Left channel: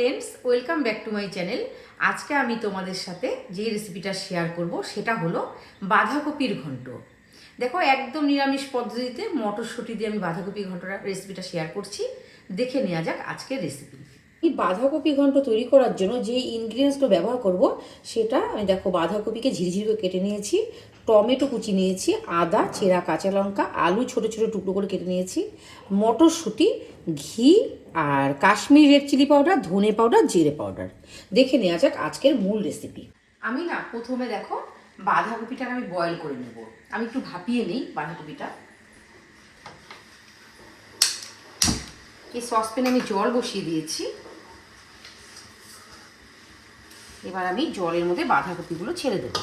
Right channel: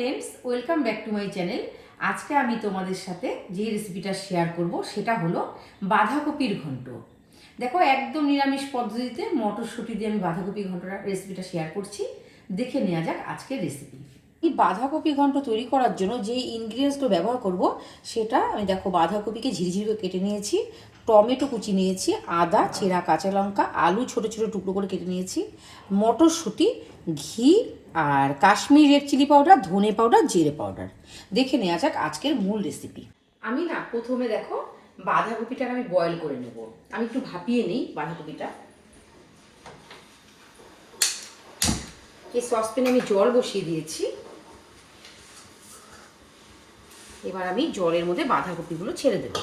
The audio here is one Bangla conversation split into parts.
Friends, welcome back to my channel. আজকে আমি তোমাদের সাথে যে রেসিপিটা শেয়ার করব সেটা হলো বাঁধাকপির ঘন্ট। দেখো, একদম নিরামিষ পদ্ধতিতে মটরশুঁটি দিয়ে আমি বাঁধাকপি ঘন্টটা রেসিপিটা শেয়ার করছি। দেখে নেওয়া যাক আজকের রেসিপি। এই বাঁধাকপি ঘন্ট তৈরি করার জন্য যে ইনগ্রিডিয়েন্টসগুলো ব্যবহার করব সেটা আমি দেখো, বাঁধাকপিকে ঝিরিঝিরি করে কেটে নিয়েছি, টমেটো কুচি নিয়েছি, আদা, চেরা কাঁচা লঙ্কা, আলু ছোটো ছোটো টুকরো করে কেটে নিয়েছি, মটরশুঁটি, ঘি আর কাশ্মীরি রেড চিলি পাউডার, ধনে পাউডার, জিরে পাউডার। দেখে নেওয়া যাক আজকের মূল রেসিপি। আমি প্রথমে দেখো বাঁধাকপিটাকে আমি বয়েল করে নেব। আমি একটু ভাপিয়ে নিই বাঁধাকপিটা। এই সসপ্যানে আমি জল বসিয়ে দিয়েছি। এবার আমি জলের মধ্যে বাঁধাকপিগুলো ছেড়ে দেব।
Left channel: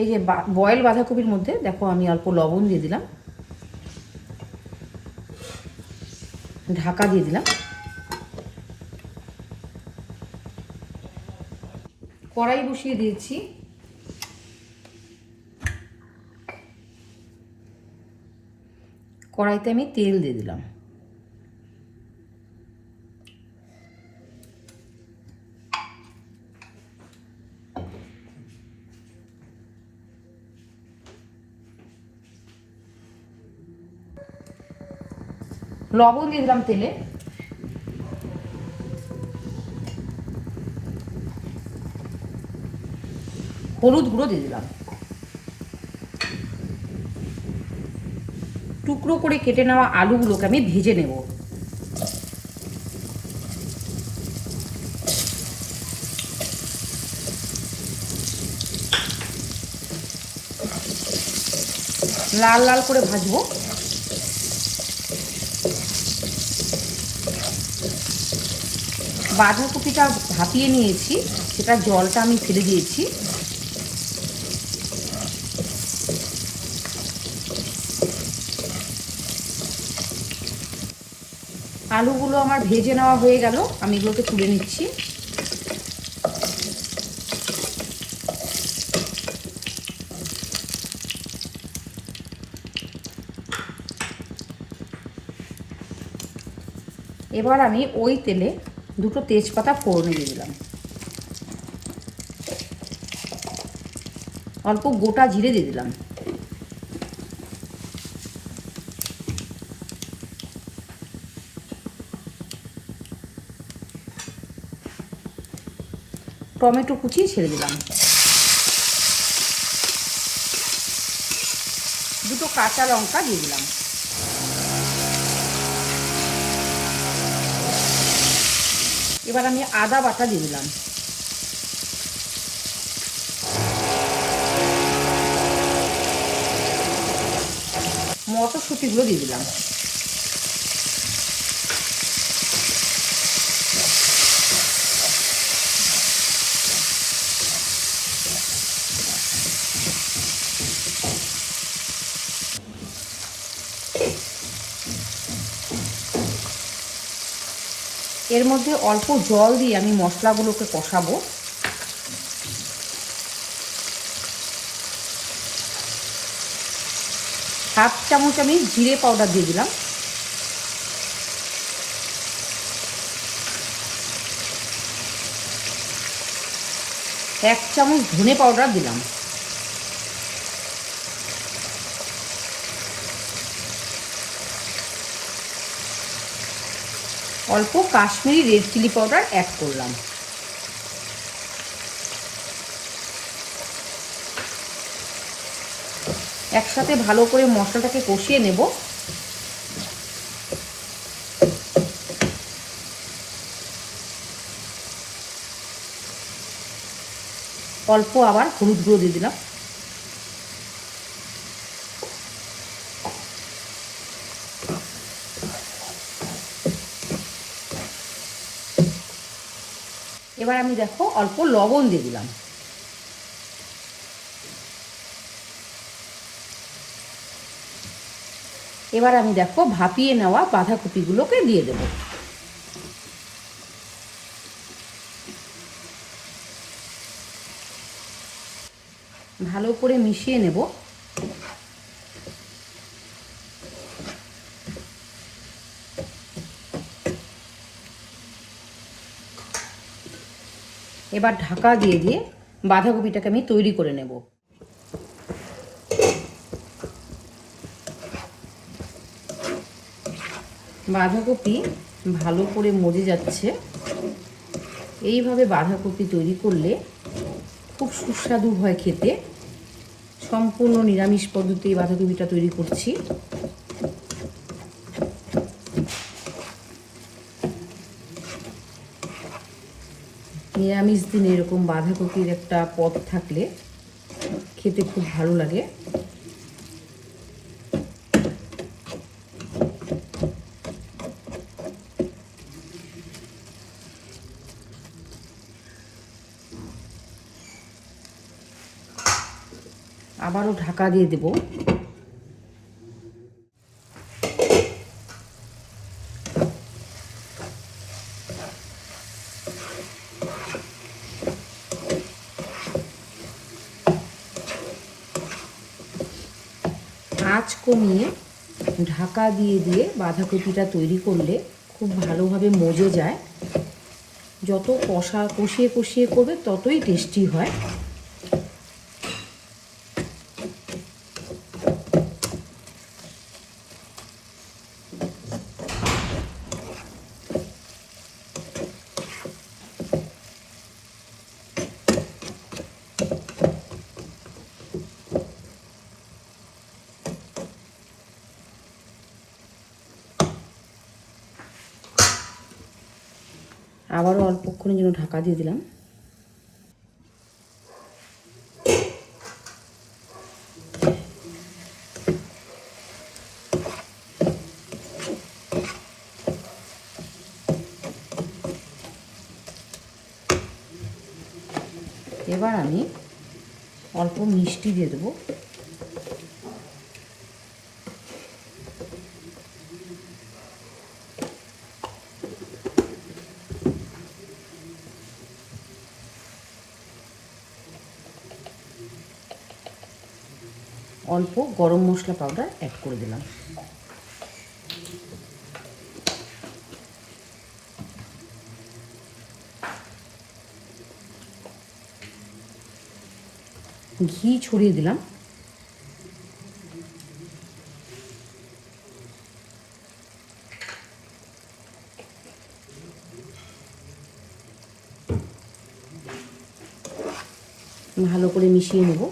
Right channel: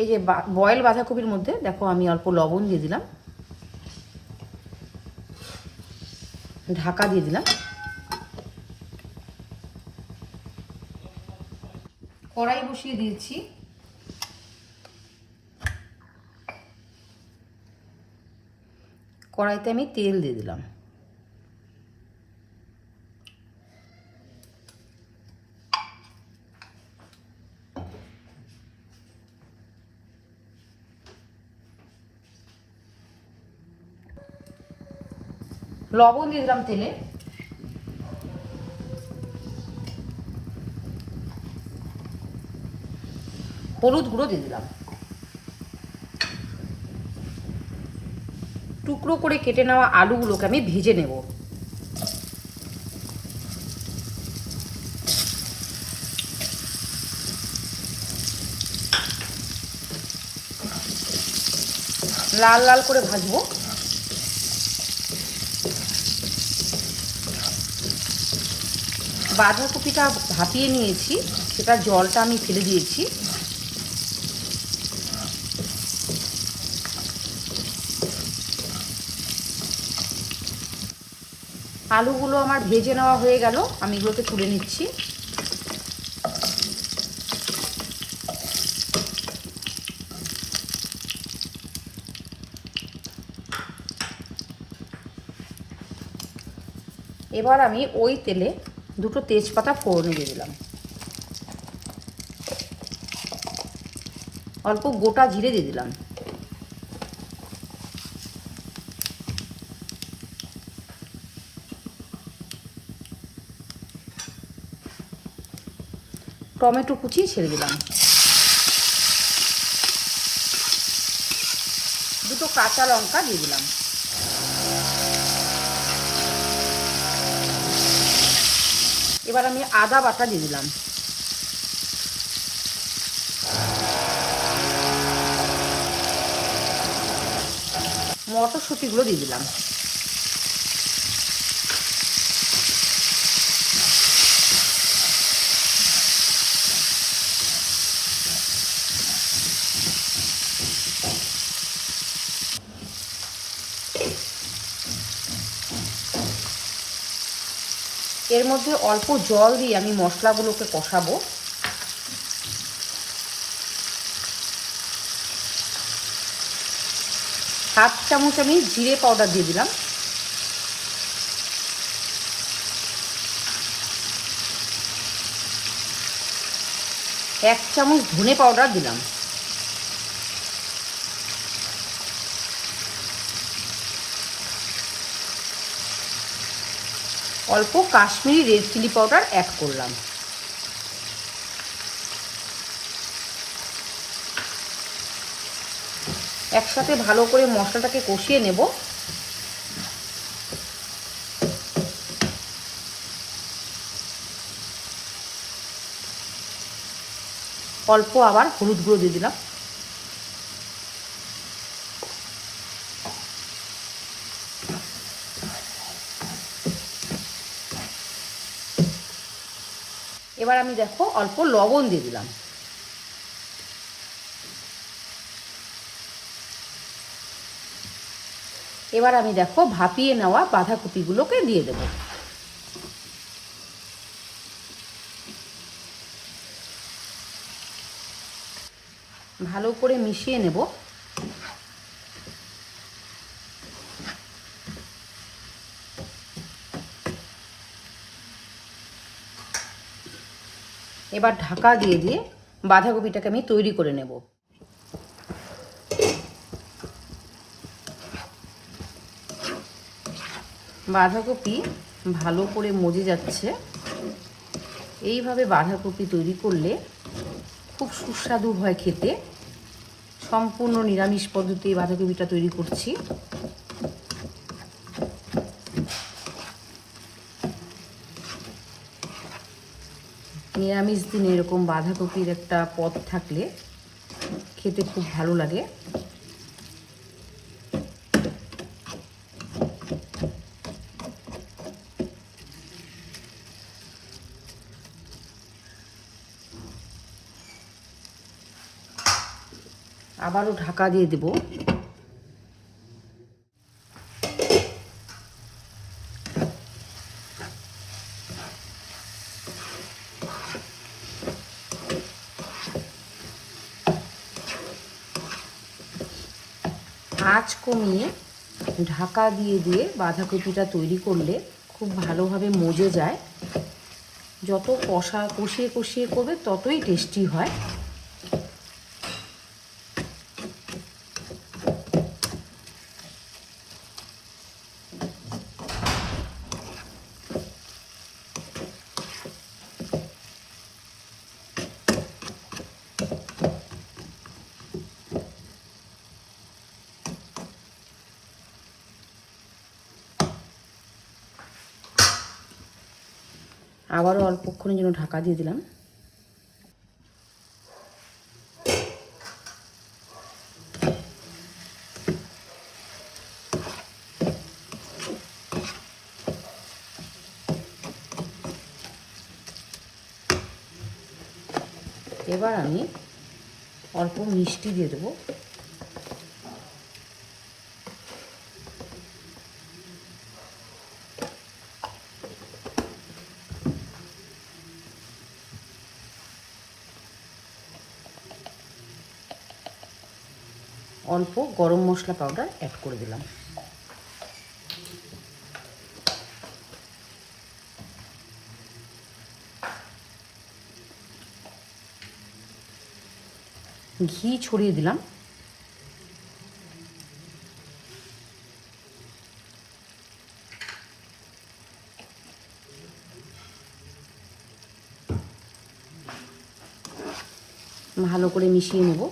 এই যে বয়েল বাঁধাকপির মধ্যে দেখো আমি অল্প লবণ দিয়ে দিলাম, ঢাকা দিয়ে দিলাম। কড়াই বসিয়ে দিয়েছি। কড়াইতে আমি তেল দিয়ে দিলাম। লবণ দিয়ে দিলাম তেলে। হলুদ গুঁড়ো দিয়ে দিলাম। টুকরো করে কেটে নেওয়া আলুগুলোকে আমি ভেজে নেব। লাল লাল করে ভাজবো। বাঁধাকপিটা ভাপিয়ে নিয়েছি, সেটা জলটা আমি ফেলে দিয়েছি। আলুগুলো আমার ভেজে নেওয়া হয়ে গেল, আমি এগুলোকে তুলে নিচ্ছি। এবার আমি ওই তেলে দুটো তেজপাতা ফোড়ন দিয়ে দিলাম, অল্প গোটা জিরে দিয়ে দিলাম, টমেটো কুচি ছেড়ে দিলাম, দুটো কাঁচা লঙ্কা দিয়ে দিলাম। এবার আমি আদা বাটা দিয়ে দিলাম। মটরশুঁটিগুলো দিয়ে দিলাম। এর মধ্যে অল্প জল দিয়ে আমি মশলাগুলোকে কষাবো। হাফ চামচ আমি জিরে পাউডার দিয়ে দিলাম, এক চামচ ধনে পাউডার দিলাম, অল্প Kashmiri red chilli powder add করলাম। একসাথে ভালো করে মশলাটাকে কষিয়ে নেব। অল্প আবার হলুদ গুঁড়ো দিয়ে দিলাম। এবার আমি দেখো অল্প লবণ দিয়ে দিলাম। এবার আমি দেখো ভাপিয়ে নেওয়া বাঁধাকপিগুলোকে দিয়ে দেব। ভালো করে মিশিয়ে নেব। এবার ঢাকা দিয়ে দিয়ে বাঁধাকপিটাকে আমি তৈরি করে নেব। বাঁধাকপি ভালো করে মজে যাচ্ছে। এইভাবে বাঁধাকপি তৈরি করলে খুব সুস্বাদু হয় খেতে। সম্পূর্ণ নিরামিষ পদ্ধতি বাঁধাকপিটা তৈরি করছি। নিরামিষ দিনে এরকম বাঁধাকপির একটা পদ থাকলে খেতে খুব ভালো লাগে। আবারও ঢাকা দিয়ে দেব। আঁচ কমিয়ে ঢাকা দিয়ে দিয়ে বাঁধাকপিটা তৈরি করলে খুব ভালোভাবে মজে যায়। যত কষিয়ে কষিয়ে করবে ততই টেস্টি হয়। আবারও অল্পক্ষণের জন্য ঢাকা দিয়ে দিলাম। এবার আমি অল্প মিষ্টি দিয়ে দেবো। অল্প গরম মশলা পাউডার অ্যাড করে দিলাম। ঘি ছড়িয়ে দিলাম। ভালো করে মিশিয়ে নেব।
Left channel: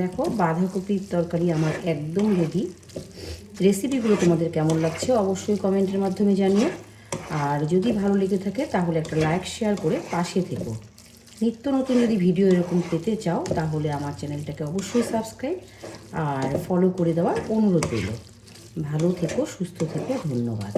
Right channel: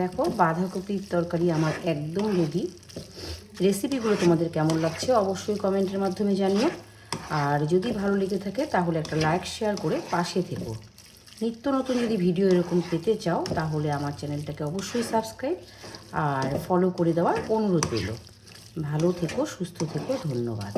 দেখো বাঁধাকপির তরকারি আমার একদম রেডি। রেসিপিগুলো তোমাদের কেমন লাগছে অবশ্যই কমেন্টের মাধ্যমে জানিও। আর যদি ভালো লেগে থাকে তাহলে একটা লাইক শেয়ার করে পাশে থেকো। নিত্য নতুন যদি ভিডিও এরকম পেতে চাও তাহলে আমার চ্যানেলটাকে অবশ্যই সাবস্ক্রাইব আর ফলো করে দেওয়ার অনুরোধ রইল। ভালো থেকো, সুস্থ থেকো, ধন্যবাদ।